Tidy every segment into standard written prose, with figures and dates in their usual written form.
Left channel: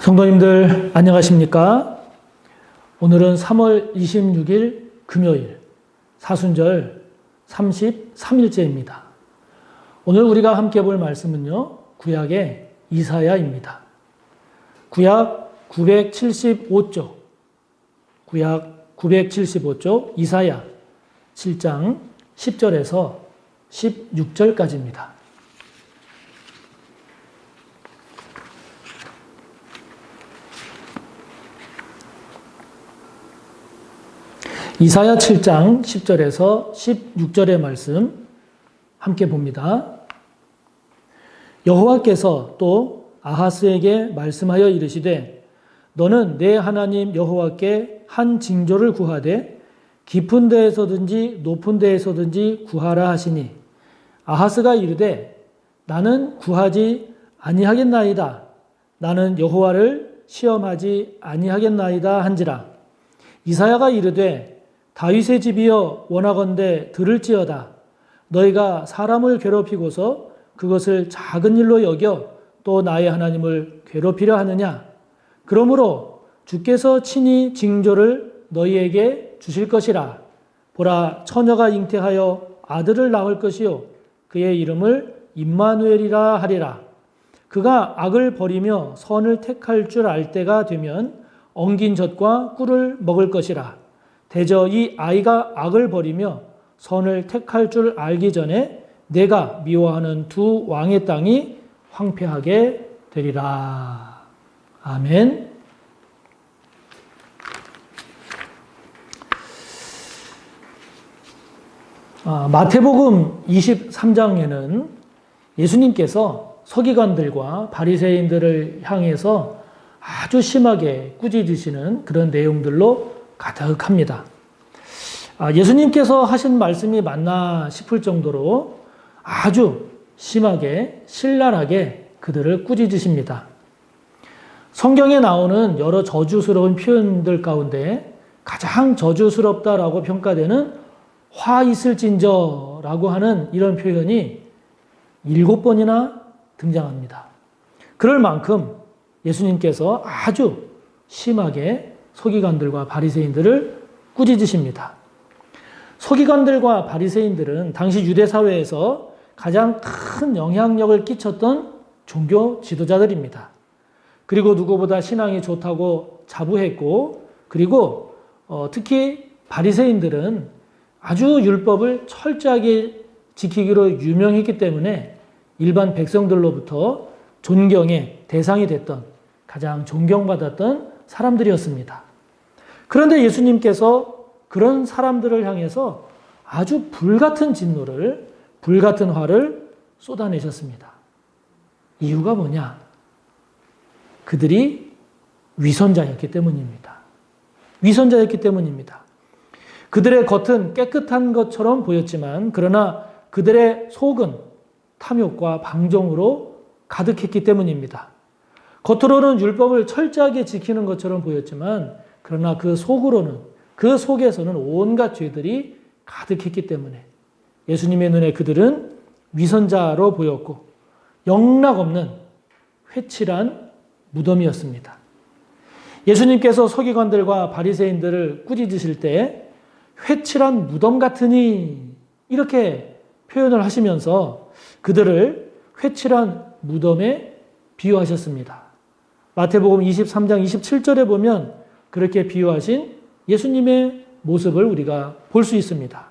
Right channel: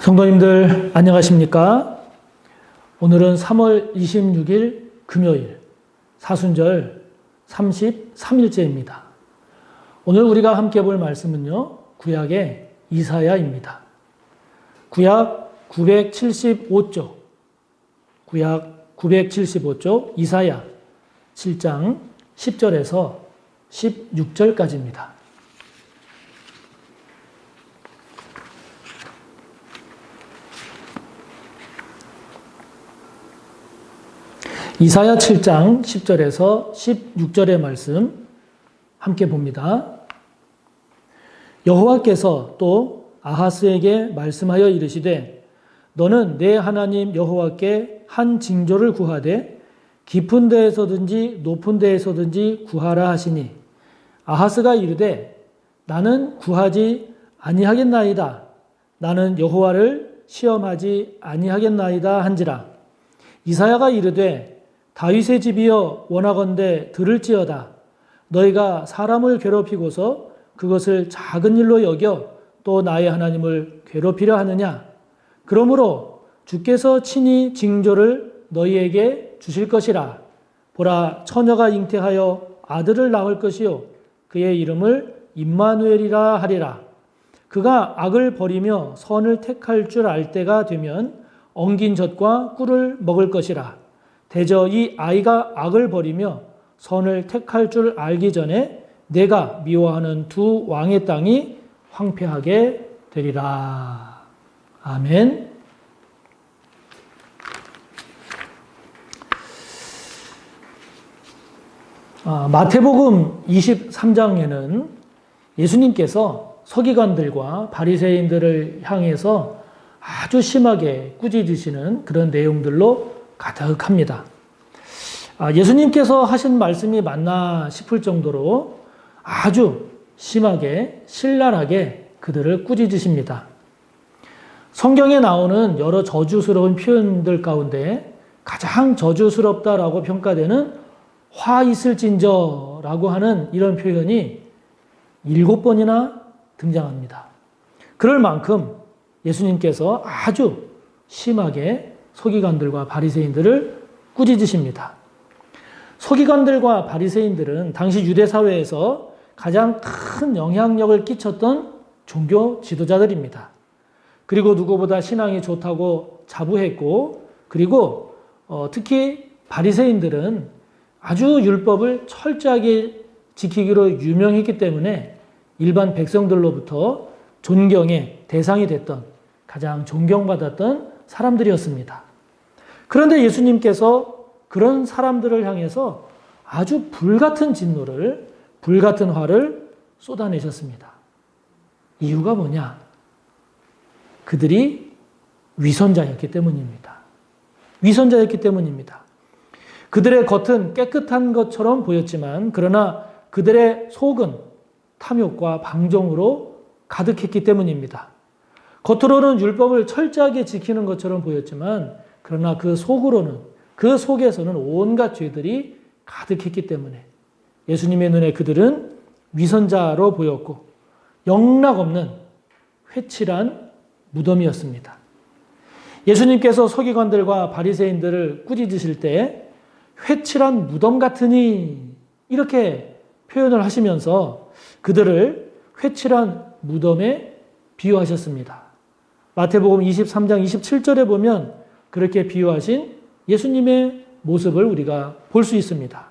성도님들 안녕하십니까? 오늘은 3월 26일 금요일 사순절 33일째입니다. 오늘 우리가 함께 볼 말씀은요, 구약의 이사야입니다. 구약 975쪽, 구약 975쪽 이사야 7장 10절에서 16절까지입니다. 이사야 7장 10절에서 16절의 말씀 함께 봅니다. 여호와께서 또 아하스에게 말씀하여 이르시되 너는 내 하나님 여호와께 한 징조를 구하되 깊은 데에서든지 높은 데에서든지 구하라 하시니 아하스가 이르되 나는 구하지 아니하겠나이다. 나는 여호와를 시험하지 아니하겠나이다 한지라. 이사야가 이르되 다윗의 집이여 원하건대 들을지어다. 너희가 사람을 괴롭히고서 그것을 작은 일로 여겨 또 나의 하나님을 괴롭히려 하느냐. 그러므로 주께서 친히 징조를 너희에게 주실 것이라. 보라, 처녀가 잉태하여 아들을 낳을 것이요 그의 이름을 임마누엘이라 하리라. 그가 악을 버리며 선을 택할 줄 알 때가 되면 엉긴 젖과 꿀을 먹을 것이라. 대저 이 아이가 악을 버리며 선을 택할 줄 알기 전에 내가 미워하는 두 왕의 땅이 황폐하게 되리라. 아멘. 마태복음 23장에는 예수님께서 서기관들과 바리새인들을 향해서 아주 심하게 꾸짖으시는 그런 내용들로 가득합니다. 예수님께서 하신 말씀이 맞나 싶을 정도로 아주 심하게 신랄하게 그들을 꾸짖으십니다. 성경에 나오는 여러 저주스러운 표현들 가운데 가장 저주스럽다라고 평가되는 화 있을진저라고 하는 이런 표현이 7번이나 등장합니다. 그럴 만큼 예수님께서 아주 심하게 서기관들과 바리새인들을 꾸짖으십니다. 서기관들과 바리새인들은 당시 유대 사회에서 가장 큰 영향력을 끼쳤던 종교 지도자들입니다. 그리고 누구보다 신앙이 좋다고 자부했고, 그리고 특히 바리새인들은 아주 율법을 철저하게 지키기로 유명했기 때문에 일반 백성들로부터 존경의 대상이 됐던, 가장 존경받았던 사람들이었습니다. 그런데 예수님께서 그런 사람들을 향해서 아주 불같은 진노를, 불같은 화를 쏟아내셨습니다. 이유가 뭐냐? 그들이 위선자였기 때문입니다. 위선자였기 때문입니다. 그들의 겉은 깨끗한 것처럼 보였지만, 그러나 그들의 속은 탐욕과 방종으로 가득했기 때문입니다. 겉으로는 율법을 철저하게 지키는 것처럼 보였지만, 그러나 그 속으로는, 그 속에서는 온갖 죄들이 가득했기 때문에 예수님의 눈에 그들은 위선자로 보였고 영락없는 회칠한 무덤이었습니다. 예수님께서 서기관들과 바리새인들을 꾸짖으실 때 회칠한 무덤 같으니 이렇게 표현을 하시면서 그들을 회칠한 무덤에 비유하셨습니다. 마태복음 23장 27절에 보면 그렇게 비유하신 예수님의 모습을 우리가 볼 수 있습니다.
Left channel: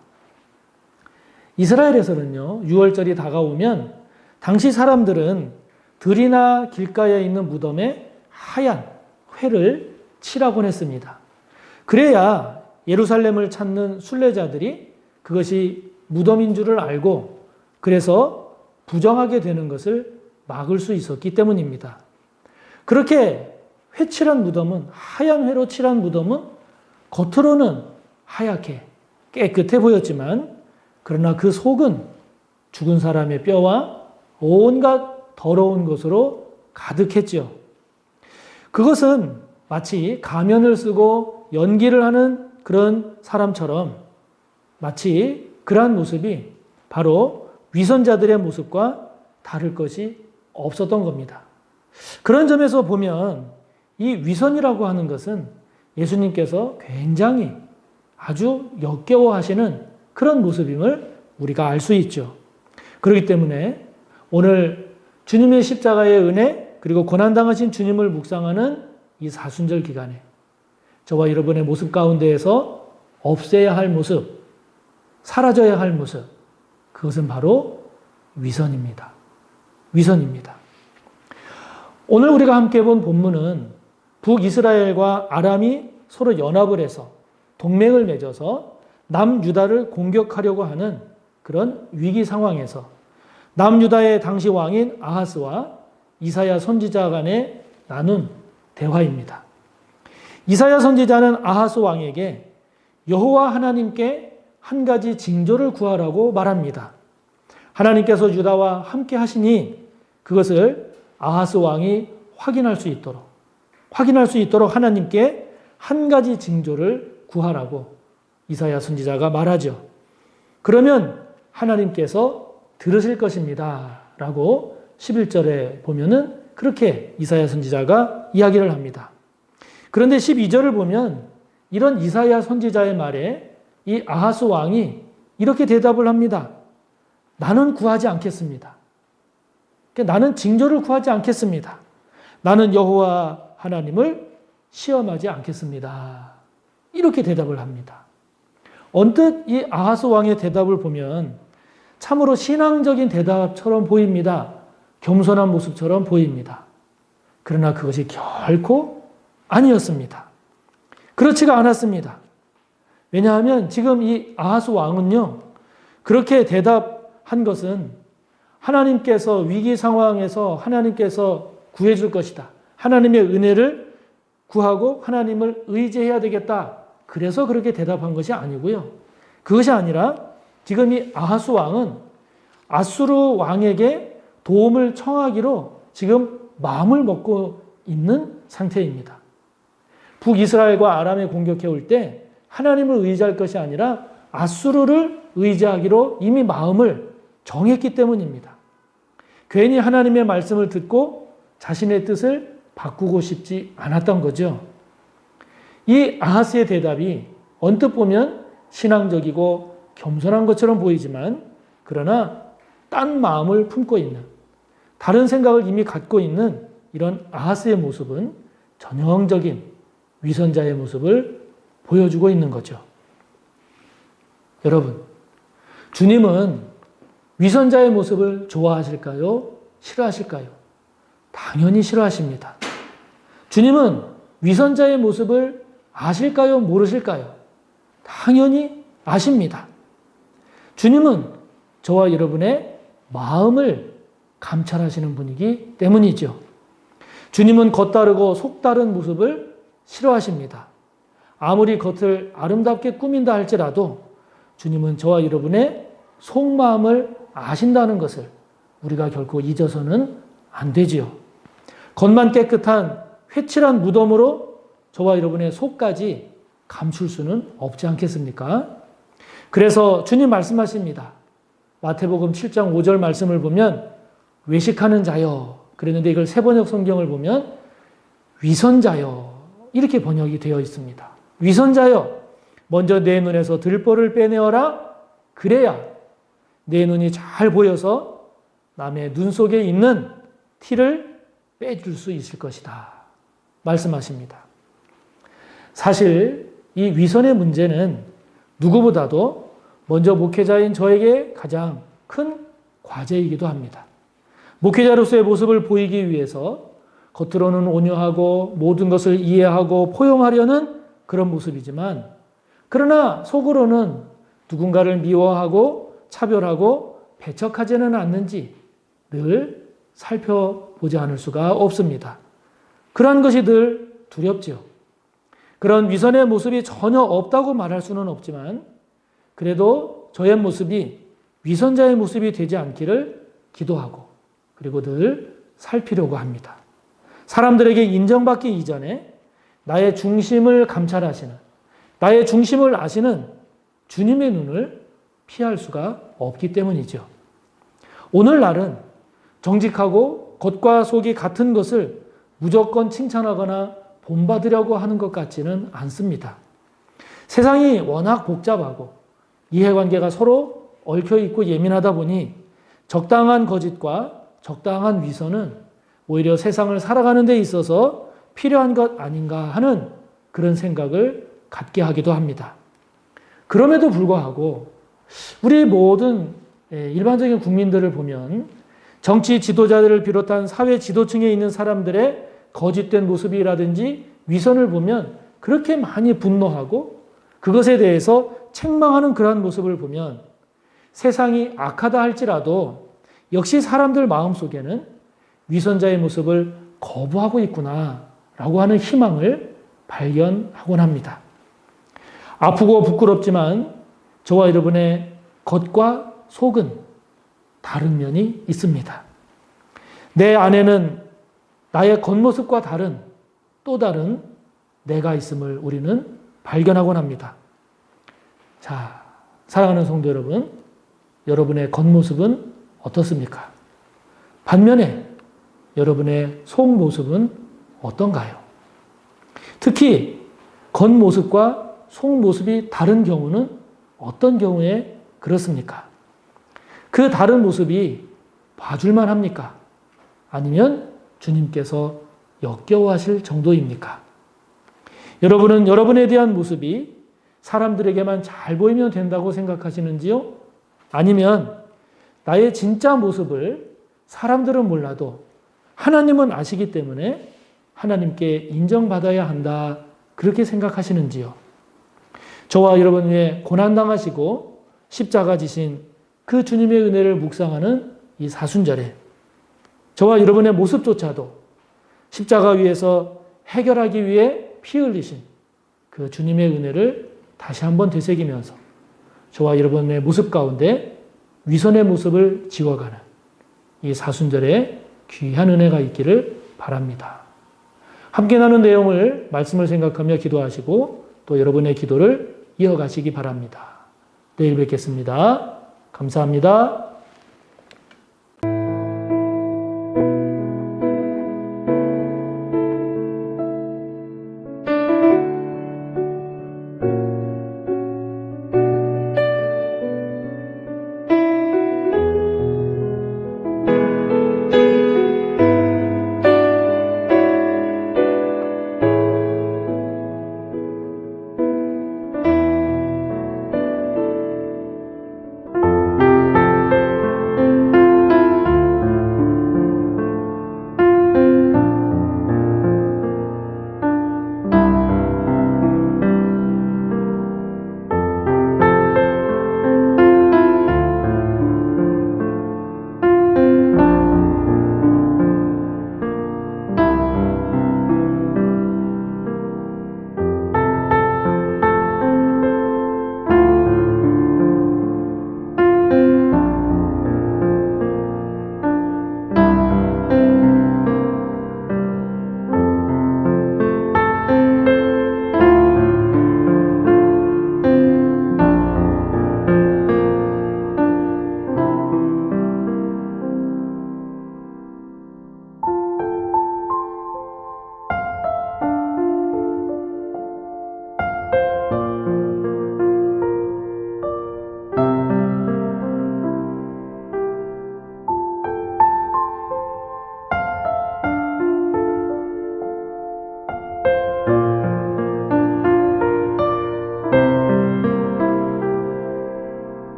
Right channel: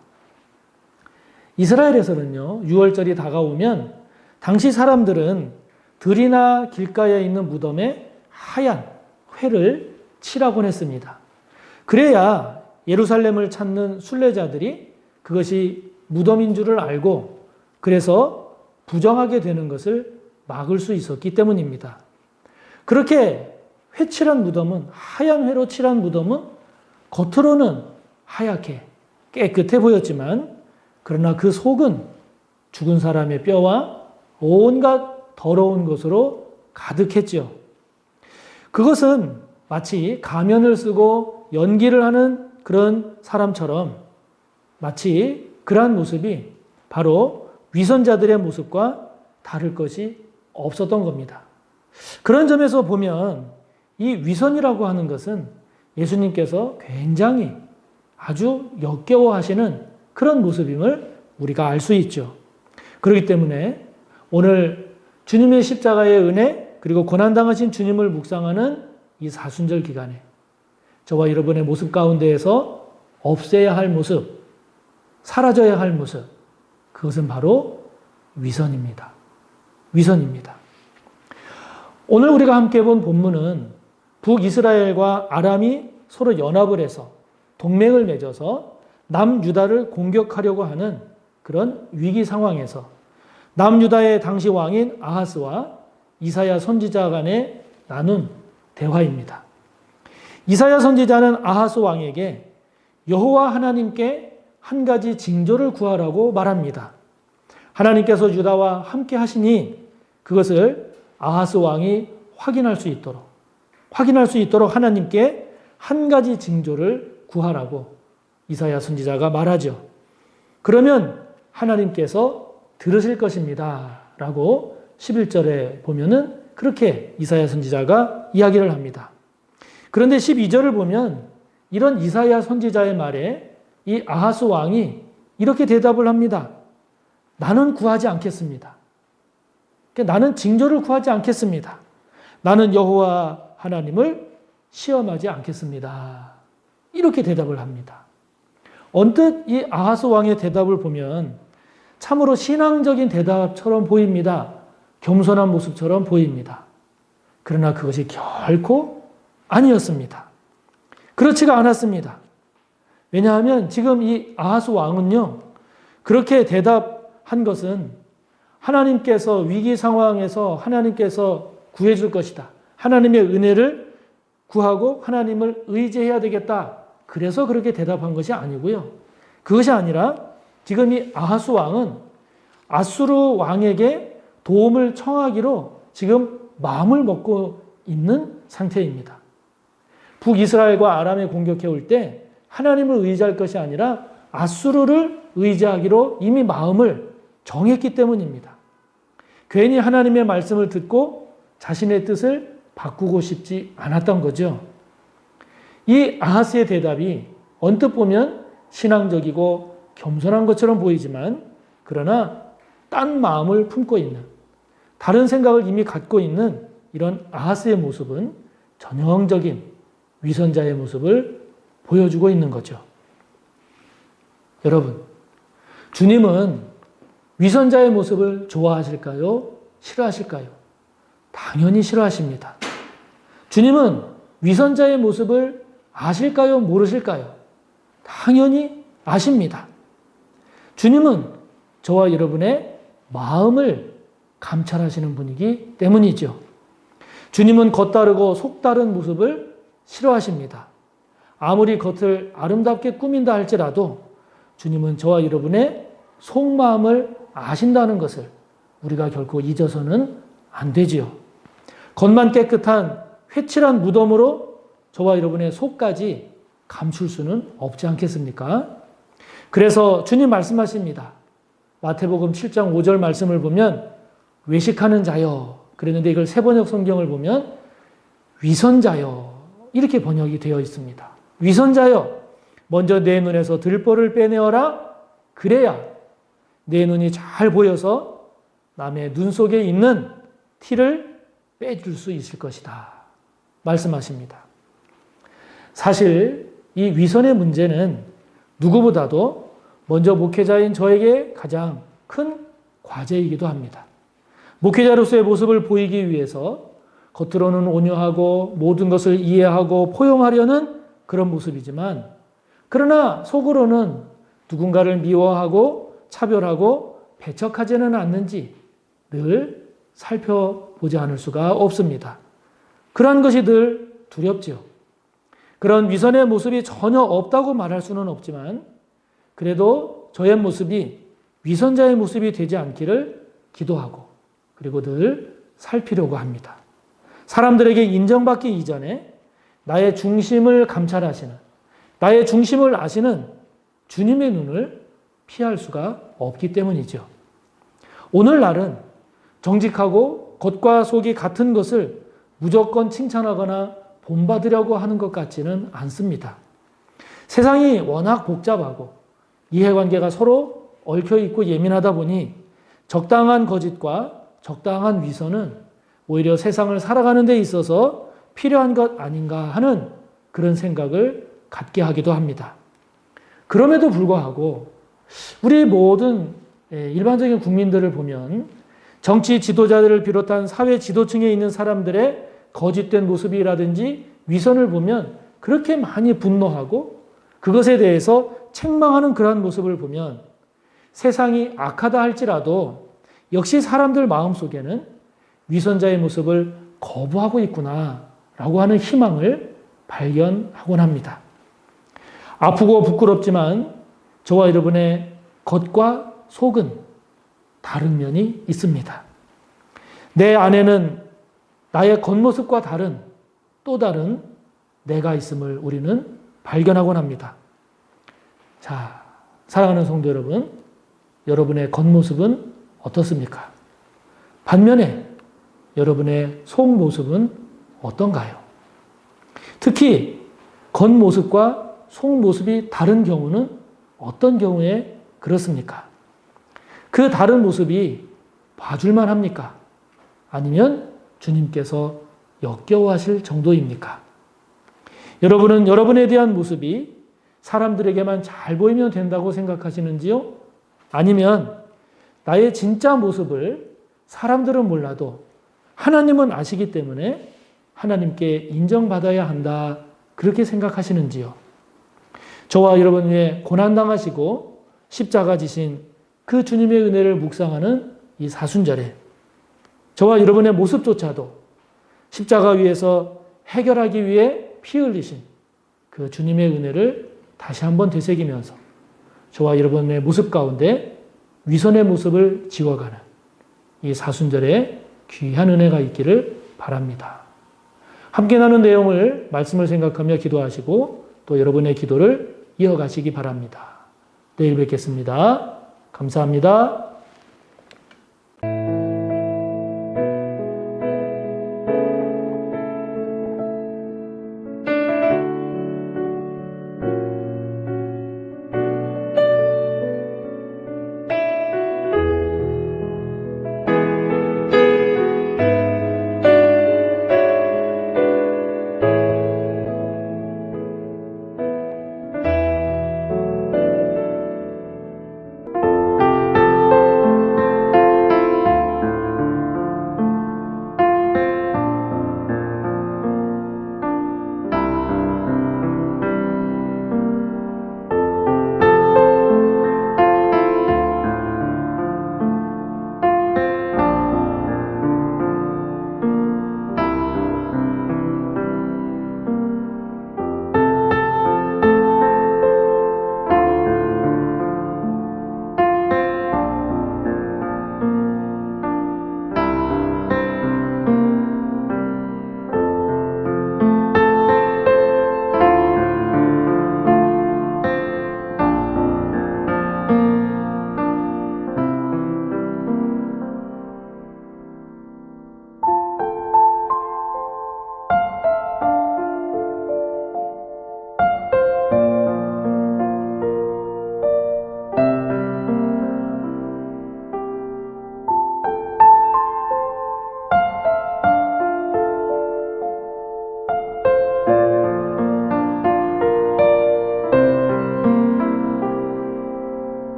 이스라엘에서는요, 6월절이 다가오면 당시 사람들은 들이나 길가에 있는 무덤에 하얀 회를 칠하곤 했습니다. 그래야 예루살렘을 찾는 순례자들이 그것이 무덤인 줄을 알고 그래서 부정하게 되는 것을 막을 수 있었기 때문입니다. 그렇게 회칠한 무덤은, 하얀 회로 칠한 무덤은 겉으로는 하얗게 깨끗해 보였지만, 그러나 그 속은 죽은 사람의 뼈와 온갖 더러운 것으로 가득했죠. 그것은 마치 가면을 쓰고 연기를 하는 그런 사람처럼 마치 그러한 모습이 바로 위선자들의 모습과 다를 것이 없었던 겁니다. 그런 점에서 보면 이 위선이라고 하는 것은 예수님께서 굉장히 아주 역겨워하시는 그런 모습임을 우리가 알 수 있죠. 그렇기 때문에 오늘 주님의 십자가의 은혜 그리고 고난당하신 주님을 묵상하는 이 사순절 기간에 저와 여러분의 모습 가운데에서 없애야 할 모습, 사라져야 할 모습, 그것은 바로 위선입니다. 위선입니다. 오늘 우리가 함께 본 본문은 북이스라엘과 아람이 서로 연합을 해서 동맹을 맺어서 남유다를 공격하려고 하는 그런 위기 상황에서 남유다의 당시 왕인 아하스와 이사야 선지자 간에 나눈 대화입니다. 이사야 선지자는 아하스 왕에게 여호와 하나님께 한 가지 징조를 구하라고 말합니다. 하나님께서 유다와 함께 하시니 그것을 아하스 왕이 확인할 수 있도록 하나님께 한 가지 징조를 구하라고 이사야 선지자가 말하죠. 그러면 하나님께서 들으실 것입니다. 라고 11절에 보면은 그렇게 이사야 선지자가 이야기를 합니다. 그런데 12절을 보면 이런 이사야 선지자의 말에 이 아하스 왕이 이렇게 대답을 합니다. 나는 구하지 않겠습니다. 나는 징조를 구하지 않겠습니다. 나는 여호와 하나님을 시험하지 않겠습니다. 이렇게 대답을 합니다. 언뜻 이 아하스 왕의 대답을 보면 참으로 신앙적인 대답처럼 보입니다. 겸손한 모습처럼 보입니다. 그러나 그것이 결코 아니었습니다. 그렇지가 않았습니다. 왜냐하면 지금 이 아하스 왕은요, 그렇게 대답한 것은 하나님께서 위기 상황에서 하나님께서 구해줄 것이다. 하나님의 은혜를 구하고 하나님을 의지해야 되겠다. 그래서 그렇게 대답한 것이 아니고요. 그것이 아니라 지금 이 아하스 왕은 아수르 왕에게 도움을 청하기로 지금 마음을 먹고 있는 상태입니다. 북이스라엘과 아람에 공격해 올 때 하나님을 의지할 것이 아니라 아수르를 의지하기로 이미 마음을 정했기 때문입니다. 괜히 하나님의 말씀을 듣고 자신의 뜻을 바꾸고 싶지 않았던 거죠. 이 아하스의 대답이 언뜻 보면 신앙적이고 겸손한 것처럼 보이지만 그러나 딴 마음을 품고 있는, 다른 생각을 이미 갖고 있는 이런 아하스의 모습은 전형적인 위선자의 모습을 보여주고 있는 거죠. 여러분, 주님은 위선자의 모습을 좋아하실까요? 싫어하실까요? 당연히 싫어하십니다. 주님은 위선자의 모습을 아실까요? 모르실까요? 당연히 아십니다. 주님은 저와 여러분의 마음을 감찰하시는 분이기 때문이죠. 주님은 겉다르고 속다른 모습을 싫어하십니다. 아무리 겉을 아름답게 꾸민다 할지라도 주님은 저와 여러분의 속마음을 아신다는 것을 우리가 결코 잊어서는 안 되지요. 겉만 깨끗한 회칠한 무덤으로 저와 여러분의 속까지 감출 수는 없지 않겠습니까? 그래서 주님 말씀하십니다. 마태복음 7장 5절 말씀을 보면 외식하는 자여, 그랬는데 이걸 세번역 성경을 보면 위선자여 이렇게 번역이 되어 있습니다. 위선자여, 먼저 내 눈에서 들보를 빼내어라. 그래야 내 눈이 잘 보여서 남의 눈 속에 있는 티를 빼줄 수 있을 것이다. 말씀하십니다. 사실 이 위선의 문제는 누구보다도 먼저 목회자인 저에게 가장 큰 과제이기도 합니다. 목회자로서의 모습을 보이기 위해서 겉으로는 온유하고 모든 것을 이해하고 포용하려는 그런 모습이지만 그러나 속으로는 누군가를 미워하고 차별하고 배척하지는 않는지 늘 살펴보지 않을 수가 없습니다. 그러한 것이 늘 두렵죠. 그런 위선의 모습이 전혀 없다고 말할 수는 없지만 그래도 저의 모습이 위선자의 모습이 되지 않기를 기도하고 그리고 늘 살피려고 합니다. 사람들에게 인정받기 이전에 나의 중심을 감찰하시는, 나의 중심을 아시는 주님의 눈을 피할 수가 없기 때문이죠. 오늘날은 정직하고 겉과 속이 같은 것을 무조건 칭찬하거나 본받으려고 하는 것 같지는 않습니다. 세상이 워낙 복잡하고 이해관계가 서로 얽혀있고 예민하다 보니 적당한 거짓과 적당한 위선은 오히려 세상을 살아가는 데 있어서 필요한 것 아닌가 하는 그런 생각을 갖게 하기도 합니다. 그럼에도 불구하고 우리 모든 일반적인 국민들을 보면 정치 지도자들을 비롯한 사회 지도층에 있는 사람들의 거짓된 모습이라든지 위선을 보면 그렇게 많이 분노하고 그것에 대해서 책망하는 그러한 모습을 보면 세상이 악하다 할지라도 역시 사람들 마음속에는 위선자의 모습을 거부하고 있구나라고 하는 희망을 발견하곤 합니다. 아프고 부끄럽지만 저와 여러분의 겉과 속은 다른 면이 있습니다. 내 안에는 나의 겉모습과 다른 또 다른 내가 있음을 우리는 발견하곤 합니다. 자, 사랑하는 성도 여러분, 여러분의 겉모습은 어떻습니까? 반면에 여러분의 속모습은 어떤가요? 특히 겉모습과 속모습이 다른 경우는 어떤 경우에 그렇습니까? 그 다른 모습이 봐줄만 합니까? 아니면 주님께서 역겨워하실 정도입니까? 여러분은 여러분에 대한 모습이 사람들에게만 잘 보이면 된다고 생각하시는지요? 아니면 나의 진짜 모습을 사람들은 몰라도 하나님은 아시기 때문에 하나님께 인정받아야 한다 그렇게 생각하시는지요? 저와 여러분 위해 고난당하시고 십자가 지신 그 주님의 은혜를 묵상하는 이 사순절에 저와 여러분의 모습조차도 십자가 위에서 해결하기 위해 피 흘리신 그 주님의 은혜를 다시 한번 되새기면서 저와 여러분의 모습 가운데 위선의 모습을 지워가는 이 사순절에 귀한 은혜가 있기를 바랍니다. 함께 나눈 내용을 말씀을 생각하며 기도하시고 또 여러분의 기도를 이어가시기 바랍니다. 내일 뵙겠습니다. 감사합니다.